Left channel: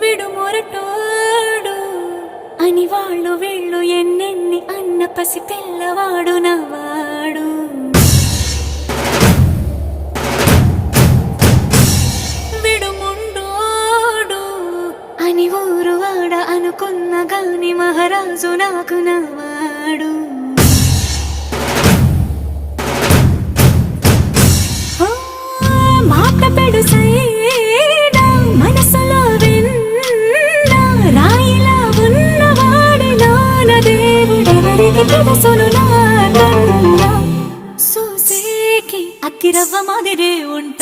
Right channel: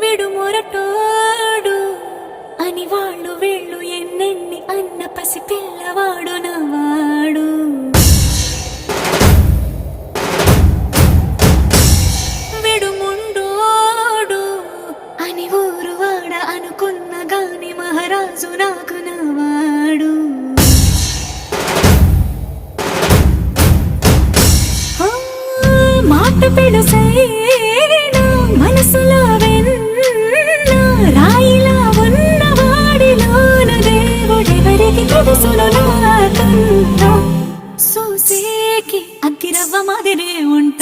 విడు మొరటోడు అని వాళ్ళు వీళ్ళు ఎన్నెన్ని అన్న పసి పిల్లవాడు నవాడు. విడు ముండోడు అని ఊరు వాడ అనుకున్న గాని మహారాజు నాకు నవాడు. మాట పెడుసైనా మనసులో వెన్న రాయిలా ఉన్నవాడిలోన దేవుడెవరికి తెలుసును నాకన్నా. సూసేకి అగ్గిరవ్వ మాదిరే ఉంటా